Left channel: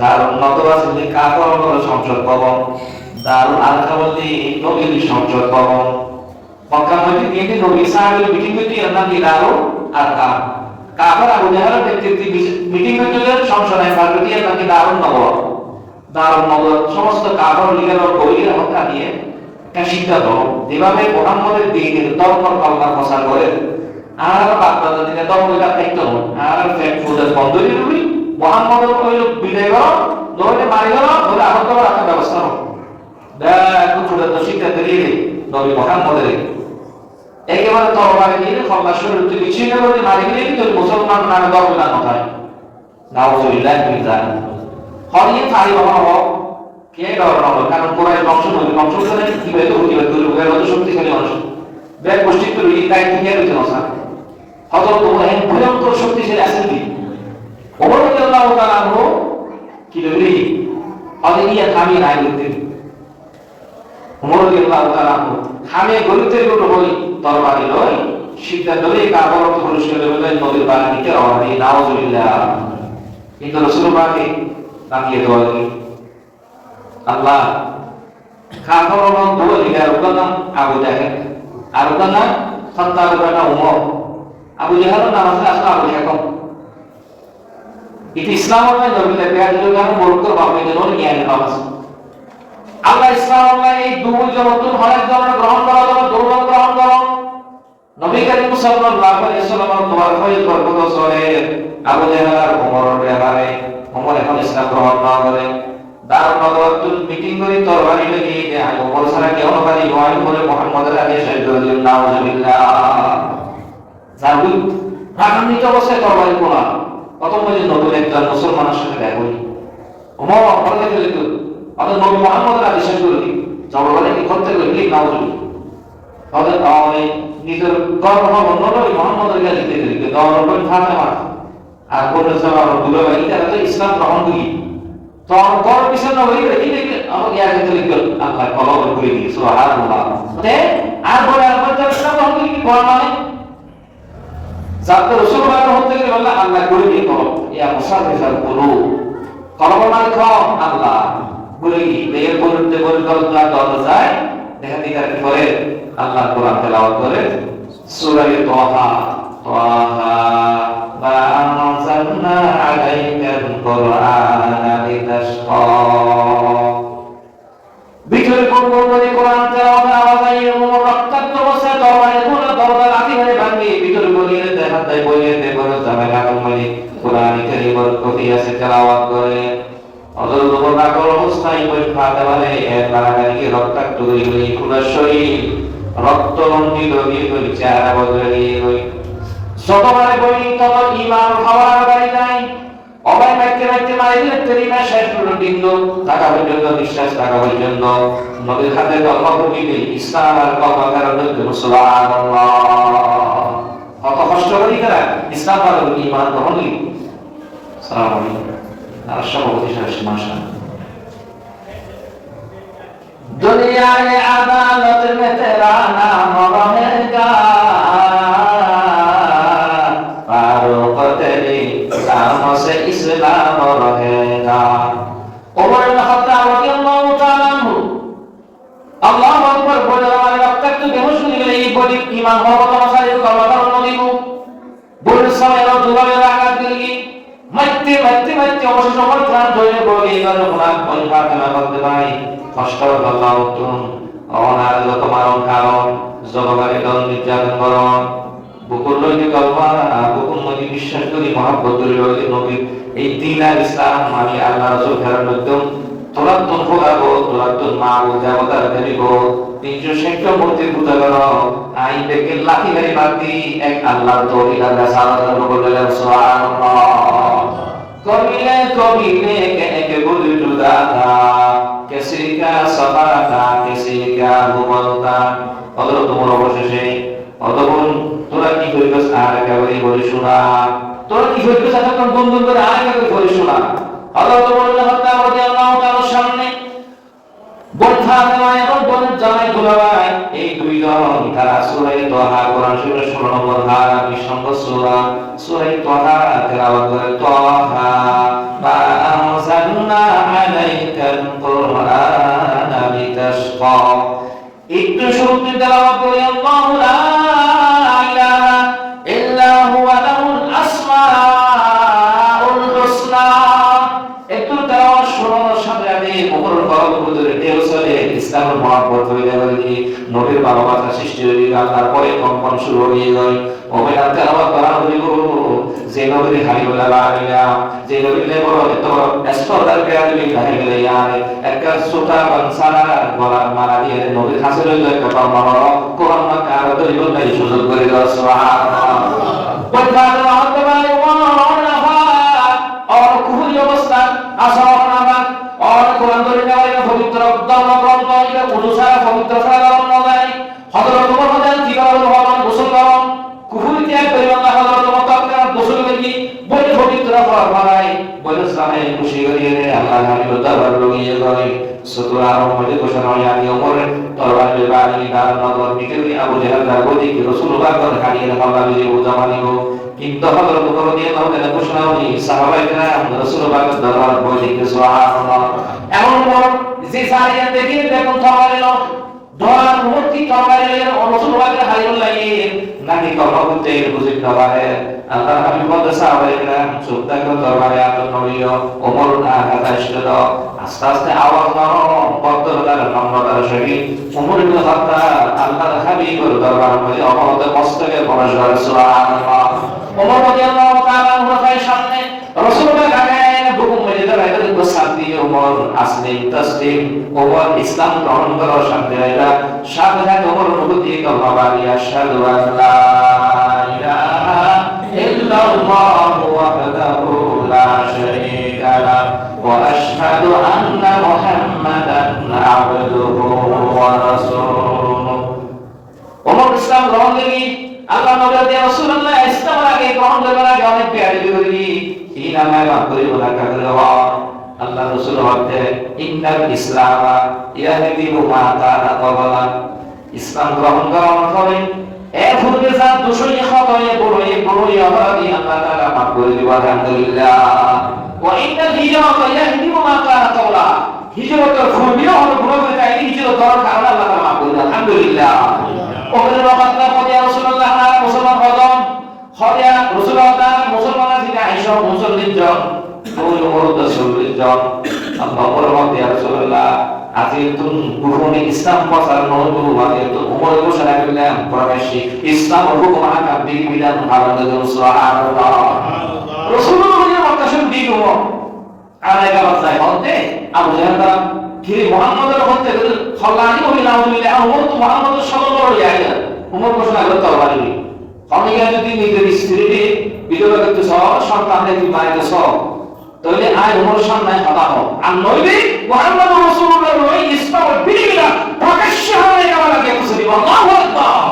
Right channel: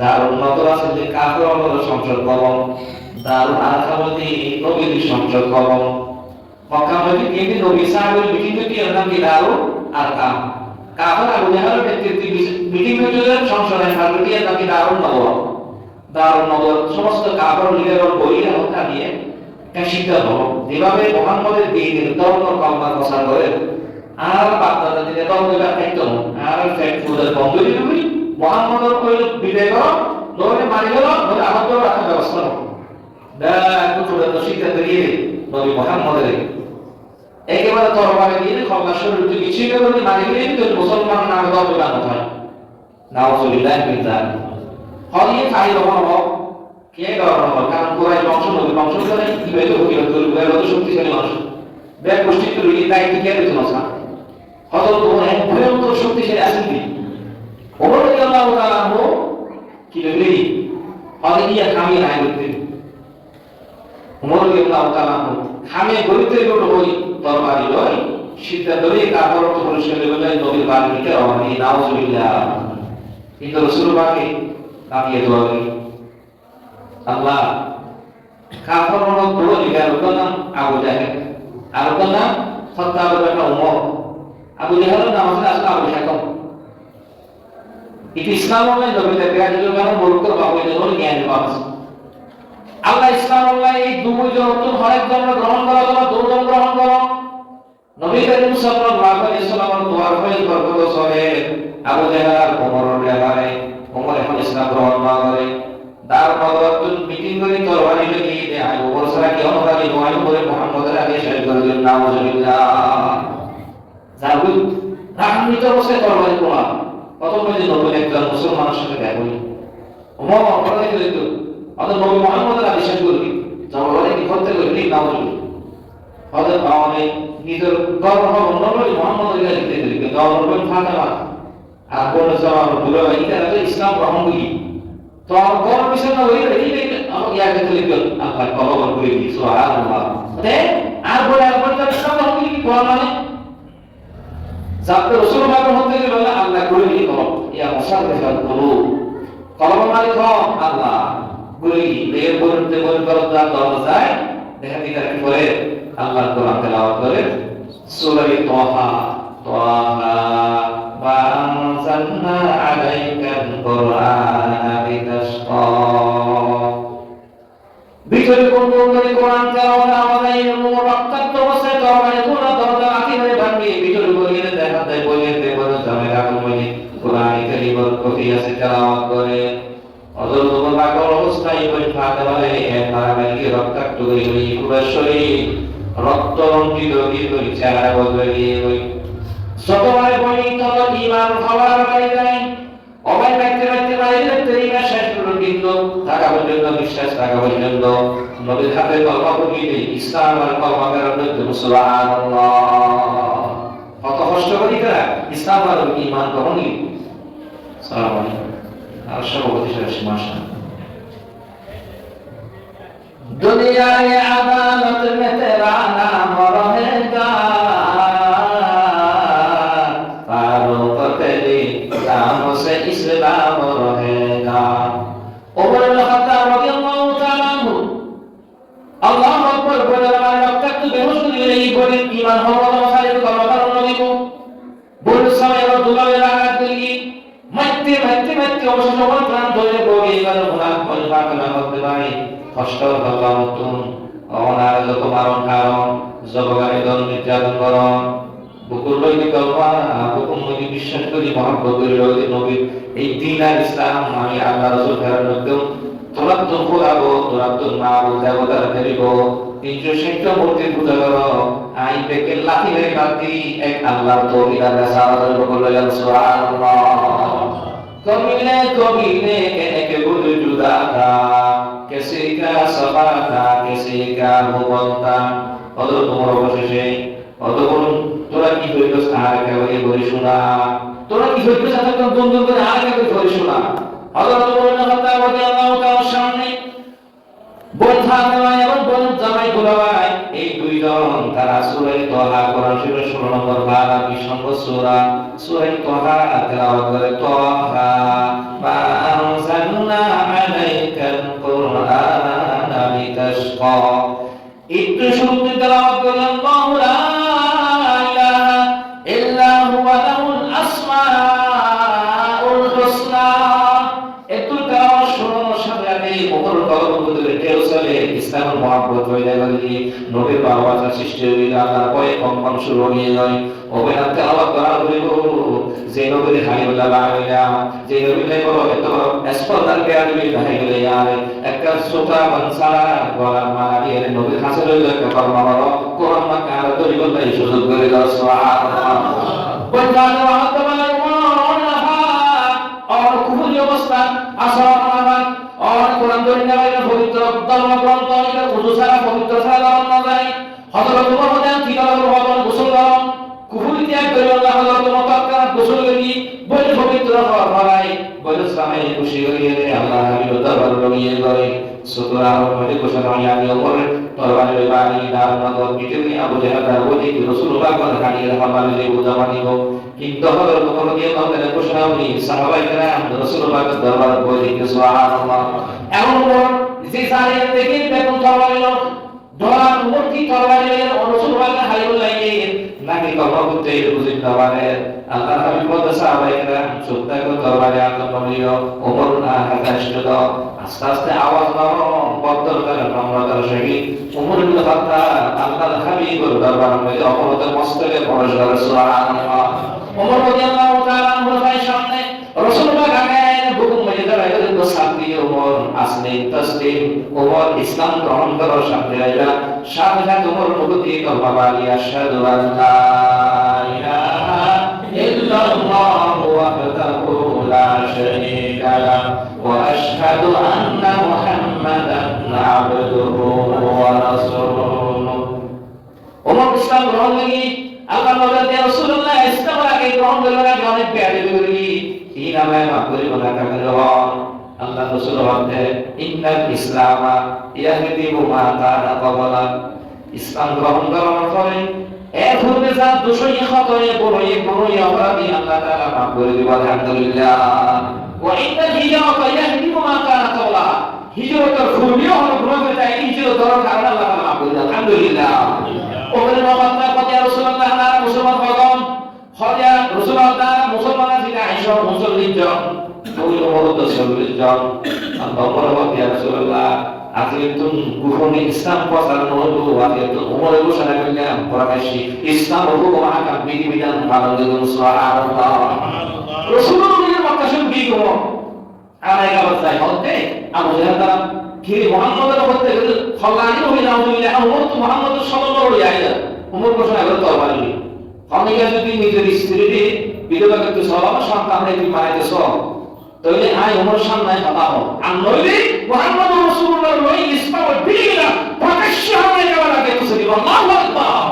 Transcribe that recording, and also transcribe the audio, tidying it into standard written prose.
দারুন নদওয়া সিদ্দিক কাফর হলো সংসদ ভবন, দারুন আল-খাওয়াতি নবীর সংসদ ভবন। মক্কা মধ্যে তিনটি নবী সাহাবীর মিটিং হইতে এর নাম কি দারুন আরকাম। কাফর আবু জাহলের নেতৃত্বে মিটিং হইতে সংসদে ফারুকি এর নাম কি দারুন নদওয়া। দারুন নদওয়া সমস্ত কাফর লিডার বইয়ের হত্যা দিয়ে একটা সিদ্ধান্ত যেভাবে মুহাম্মদের দ্বীনের ধর্ম কলমা প্রচার করে আর বাগদাদ দিনে ধর্ম এটা থাকতো আর ফ্যাক্ট ফুডের বন্ধ দিয়ে দিবি মুহাম্মদের কইল বিদায় করো নইলে মারি গেল নইলে আহত করার একটা ব্যবস্থা করো। দেখো ছোট তো সিদ্ধান্ত দিয়ে নবী মুহাম্মদের একেবারে তরবারি দিয়ে খলনা শরীর থেকে ছিঁড়ে করে মারি গেলে কিন্তু মুসলমান নামে দরজা নয় নাউজুবিল্লাহ মিন যালিক। হরিয়ে ফাই বাবা কে ডর নয় কারণ কোরআন বংশ নবী বংশ করে কিভাবে তো কিভাবে করবে এর মতো শক্তিশালী মানুষ ব্যাগ গোষ্ঠী তো এই দায়িত্ব কে দিতে না হযরত ওমর এক ভয়ঙ্কর শক্তিশালী আছেন কি ওমর রাদিয়াল্লাহু তাআলা আনহু কি বলি আদিয়া খামি নাই করতে ওমর রাদিয়াল্লাহু তাআলা আনহু খামে গলিতে গলো হই তরবারি লয় সিদ্ধান্ত নিয়ে কাফর পুরস্কার দেবেন নবীর বাড়ি নিতে রওনা দিয়ে নাউজুবিল্লাহ। কিন্তু রাসূলুল্লাহকে নামিয়ে দেওয়া হলো আল্লাহ কাফর হলো দুই লিডার ওর নাম আবু জাহেল আর ওর নাম খাত্তাব ইবনে উমর। আবু জাহেলের নাম আছে আসলে আবু হাকাম। এটি ইসলামের নবীদের বিরাজিত কারণ বলতো বাবা এই জন্য জ্ঞান পাওয়া আল্লাহ ইসলামের এই দুজন নতুন হরেক জনের গ্রহণ করার জন্য দুজন গ্রহণ করো নবী করিম সাল্লাল্লাহু আলাইহি ওয়াসাল্লামের দোয়ার ফয়েজ বরকত সরে আবু জাহেল আর ওমরের ব্যাপারে ওমর এখন ইসলাম গ্রহণ না করে দার নবতুল মিটিং করে তরবারি লাগিয়ে দেয় আর ওমর সারা কেউ নকারি নয় করে মুহাম্মদের আগে শেষ করে দিলেন নাউজুবিল্লাহ। জাগুল রাগান্বিত অবস্থায় তরবারি পোড়া কত মধ্যে নতুন একজন মুসলমানের সাথে দেখা হই ওমর বলে দিল তো অত নবী মুহাম্মদের আগে শেষ করে দিল জবরদস্তি কি করতে গেলি নাউজুবিল্লাহ তাদের পাওয়ারে নিজের গর্ব নবী মুহাম্মদের কাছে দিতে দিতে দরবার ফাতেমা আর কোন জবাব বলে এটা তো ইসলাম গ্রহণ করি তো আর গর্ব বিষয় না হইলে কি দেখে আমাকে আগে থেকে লিখল আল্লাহ কলম করে দিই সুবহানাল্লাহ মানে আর বলে আর বলতে ইসলাম গ্রহণ করি কোন মানে যাতে রাসূলুল্লাহ হতে গেলে আল্লাহ করে দিই কলম ইয়া মুসাফির করো কলম মালিক আল্লাহ করে দিই এর বলতে বলে দরজা দরজায় দেখা দিই কি করে আল্লাহ কোরআন তেলাওয়াত করে সূরা তাহা তাহা মা আনজালনা আলাইকাল কুরআনা লিতাশকা ভিতরে কোন করে কোরআন তেলাওয়াত আওয়াজ আইয়ে রক্তাক্ত অবস্থায় তরবারি কোন দরজা লাঠি মেরে ভাঙি ভিতরে বলিয়ে দেখা দেয় বলিয়ে দে বলে জামেলা কোমনি কোরআন কারীমের প্রতি আছে তেলাওয়াত করে অদল বাকল অবস্থায় ওই ফাতেমারে এর লাগানি রক্তাক্ত হয়ে গই পুরো শরীর রক্ত রঞ্জিত হয়ে গই চেহারা বদলে গিয়ে গই সতমারে বলি তত ঈমান খাওয়ার বাড়ি যায় অবাই মাইতে মাইতে মারি দিলে তেরিমা শেষ হলো কিন্তু টাকা পর্যন্ত বিশ্বাস টাকা পর্যন্ত নবীর হাতে কলমা পড়িলে ইসলাম আর কলমা কারণে সুবহানাল্লাহ কত কষ্ট করি তারা ইসলাম আর ঈমান গ্রহণ করি। আসসালামু আলাইকুম আর সভাপতি সাহেব মাশা दुनिया में अदालत में तेरा नाम रहेगा फारूक तेरी नामों से इस्लाम रहेगा। उमर इब्न खत्ताब রাদিয়াল্লাহু তাআলা আনহু আল্লাহু আকবার বলে আমার রক্তাক্ত বেহুশ হয়ে গেলে এই বডি ঈমান হবে না সারি কলমা কারণ দিব বলে সময় দুলালে রাগাত দিলি মাইতে মাইতে মাইতে অবশ্য সবাই প্রাণ ধরে বলে এবার গুনাহ করে ফাতেমা বলতে ভাই কষ্ট আল্লাহ নতুন অনার যত মারণ কারণ জবগারি দল নির্যাতন করণ বুকুর লইতে কলমা বুকুর নবী বিশ্বাস করি মহব্বত করি রইতে নবী এই দিন আর ইসলাম আমি আল্লাহ রাসূল ফেরার মধ্যে তোরা তো খোলাবো তোরা তো মা ও দেবতার দেব 360 মূর্তির পূজা করো আই দেখে লাঠি মেরে মারতি এক আল্লাহর তৌহিদ আল্লাহ সাল্লাল্লাহু বললেন সুবহানাল্লাহ কবিলে কবিলে এক বুল জুদা থা किसी का सफा था किसी का मुगल था অদর তোমার অবশেষে অতক্ষণ তোরা কি করিস আর একেবারে বলে শোনা তোরা কি করিস এতক্ষণ বন্ধু করে আর একেবারে বলে শোনা আল্লাহ তোমার হত্যা রাদিয়াল্লাহু তাআলার সামনে বোন ফাতেমা এবং বোন জামাই দুলাভাই এই দুই দুইজন তারা সূরা তাহা কোরআন শরীফের 16 নম্বর পারা 20 নম্বর সূরা তাহা তেলাওয়াত করে তাহা মা আনজালনা আলাইকাল কুরআনা লিতাশকা একটু শুরুতে তেলাওয়াত করে আল্লাহু লা ইলাহা ইল্লা হুয়া লাহুল আসমাউল হুসনা একটু তেলাওয়াত শোনার সাথে সাথে ওমর ফারুক হুজুরের ঢেউ চলে ইসলামের মহব্বত হয়ে গেল নবীর ভালোবাসা সৃষ্টি হয়ে গেল তারপরে কম্পন শুরু হয়ে যায় ওবেলা তেলাওয়াত করা হইব যে নবীর হাবিবুল্লাহ বাংলা যে নবীর বড় এত স্পর্ধার কেয়ারবি দাহি গেলে ইয়ারে একটা সুতা বানসারা গলার মালা দিয়ে নবীর হাসিল হইল একটা কর্ম বড় কোরআন মা কার তৈরি করতে সুযোগ করে দাও সুবহানাল্লাহ বলবাদ আল্লাহ ওমর নাফা আর কুফরি অবস্থা আসর নাফা আর কোরআন তৈরি না হইলে পবিত্র ধর্মগ্রন্থ এটা ওযু ছাড়া পবিত্র ছাড়া না যায় হযরত ওমর বলেন কি কারণ ওমর গোসল করেন কুফরি ত্যাগ করে আল্লাহ হযরত ওমর তার গোসল করি বলে পবিত্র ফরমায় বলে সামনে খুশি হয়ে আল্লাহ হাবিব দরবার লইয়ে গয় সুতরাং মধ্যে ঘোষণা হয় আমি ওমর তরবারের বাণী দার নগর বিকেলে আবু জাহেল দার বলি কি রাসূলুল্লাহ কোন হানিয়ে হাল্লা মিলে উদ্যামা দিব কিন্তু হযরত ওমর রাদিয়াল্লাহু তাআলা ঘোষণা হই সাহাবায়ে কেরাম রাসূলুল্লাহ দরবার বলি কি সুবহানাল্লাহ এমন পর যে সারিয়া দেখে বেতন তরবারের ধরার মূর্তি তরবারের রাসূলুল্লাহ হাবিবুল্লাহ নাকি কলম করতে বুঝিত নবারে আল্লাহ হাবিব বলে সাহাবায়ে কেরাম সুত্তা কো তরবারে আতন নড়িও ওমর না হাতাশিল আস্তে আস্তে আওয়াজ নরম বদলদার নম্রতার সহিত ওমর ইবনে খাত্তাব আল্লাহ হাবিবের দরবার মধ্যে অবনত মস্তকে প্রবেশ করে সুবহানাল্লাহ ওমর রাদিয়াল্লাহু তাআলা আনহুর সামনে রাসূলুল্লাহ গায়েন হুকুম মধ্যে দাঁড়ায় সাথী ওমর আসলে তাসলিম ওমর ইসলাম গ্রহণ করার সাথে আইলা সাথে সাথে ওমর অনুভূতি কলমা বাড়ি আশহাদু আল্লা ইলাহা ইল্লাল্লাহু ওয়াহদাহু লা শারীকা লাহু ওয়া আশহাদু আন্না মুহাম্মাদান আবদুহু ওয়া রাসূলুহু ওমর ইসলাম গ্রহণ করি আল্লাহ নবী রাসূলুল্লাহ ইসলাম আগে গ্রহণ করার আগে অনেক প্যারি করি এই নামে লাভ করি না কাকে আল্লাহ রাসূল বলতে ইন্নাল ইসলাম ইয়াহদি মা কানা ক্বাবলা ইসলাম গ্রহণ করার পরে এক হতে যা দোষই খতয়ে বড়ই অপরাধী আল্লাহ তাআলা মাফ করে দিবেন আলহামদুলিল্লাহ ওয়া ইন্নাল হিজরাতা ইয়াহদি মা কানা ক্বাবলা হিজরতের খুনিও হলো গুনাহে তাই হিজরত করার কারণে আল্লাহ তাআলা মাফ করে দিবেন আলহামদুলিল্লাহ ওখানে নবাত্তা পদে রাসূলুল্লাহ নারা মুসলমান হলাম হযা রাসূলুল্লাহ মুসলমানরা থেকে আয়েশা 39 জন ওই ওমর 40 জন আল্লাহ বলতে ইয়া রাসূলুল্লাহ আজিতুন কুফুনি ইসলাম প্রচার নহতো আজিতু ওমর ঘোষণা করলেন প্রকাশ্যে ইসলাম হুকুম আকাম বিধি বিধান পালন করুন সুবহানাল্লাহ রাসূলুল্লাহর মতাশন দিগ ওমর আলাইকা বাসাই বলতে আবু জাহেল কি মুহাম্মদের হতে খলানি হইলা আউযুবিল্লাহ ওমর তো মুহাম্মদের সাল্লাল্লাহু আলাইহি ওমর ঘোষণা করতে পারবি অনেকে যদি নিজের স্ত্রীকে বিধবা করতে সন্তানকে কি মারিতে সব তাহলে আয় ওমর সামনে কথা হোক আর নইলে মুহাম্মদ রাসূলুল্লাহ ইসলামের বিধিবিধান প্রকাশ্য হয়ে গেল লাগে আল্লাহু আকবার